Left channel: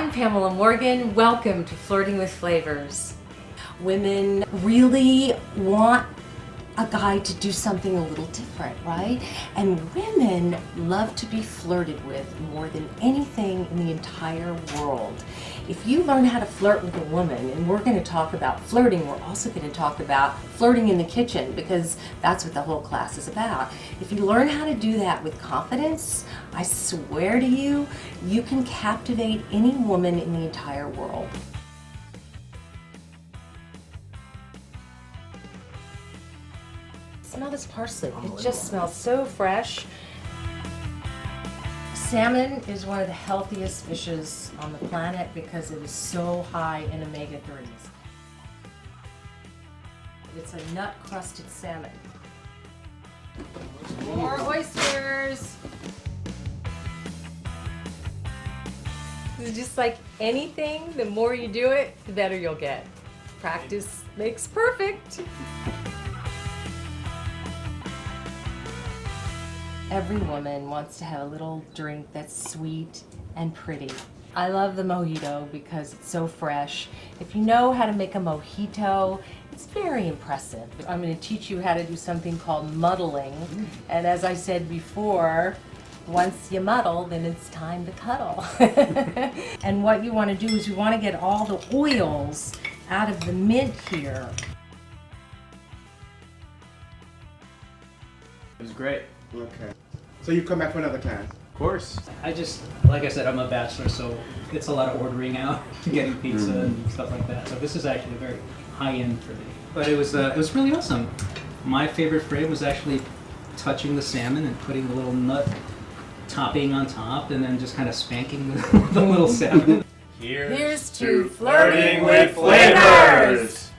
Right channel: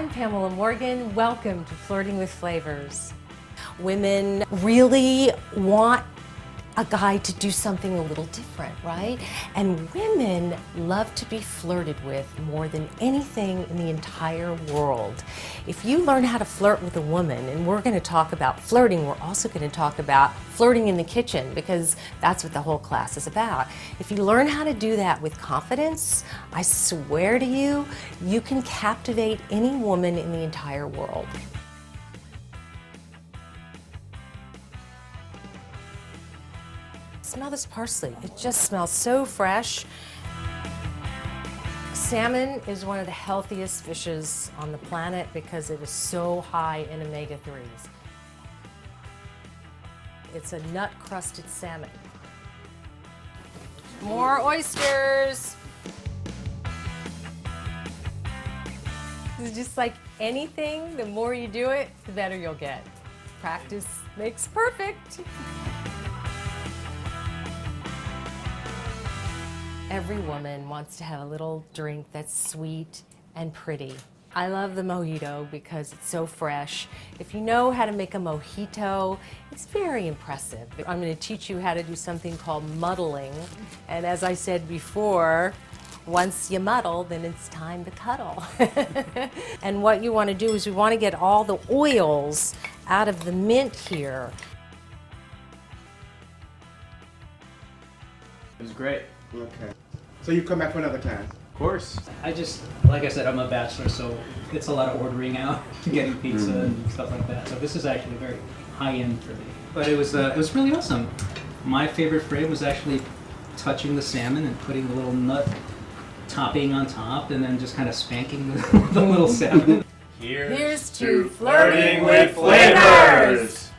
I'm Pamela Morgan. Welcome to Flirting with Flavors. Women really want a guy to do something a little different, right? And women love to be flirted with more than anything in the entire world. If you learn how to flirt with a woman, and we're going to talk about flirting, we're also going to talk about flirting in the kitchen, because that's what the whole class is about. If you learn how to do that with confidence, I swear to you, you can captivate any woman in the entire world. Smell this parsley. It just smells so fresh. Salmon is one of the healthiest fishes on the planet because it is so high in omega-3s. It's a nut-crusted salmon. More oysters. It's just like anything, the more you do it, the better you'll get. Practice makes perfect. Every woman wants to have a little drink that's sweet and pretty. I love the mojito because it's so fresh. If you know how to make a mojito, it's very impressive. I'm going to teach you how to do something called muddling. And as I said before, once you muddle, then it's time to cuddle. And what you want to do is you want to get all the oils out of the mint here. It was great. Okay. So you come back for another time? Of course. Like I said, I'm a bachelor, so it's a lot of ordering out, getting pizza and stuff like that. So this is actually very high end for me. But it was really awesome. My favorite frame was actually touching the salmon and putting the little nut topping on top, and then just kind of spanking the little salmon. Here's to flirting with flavors.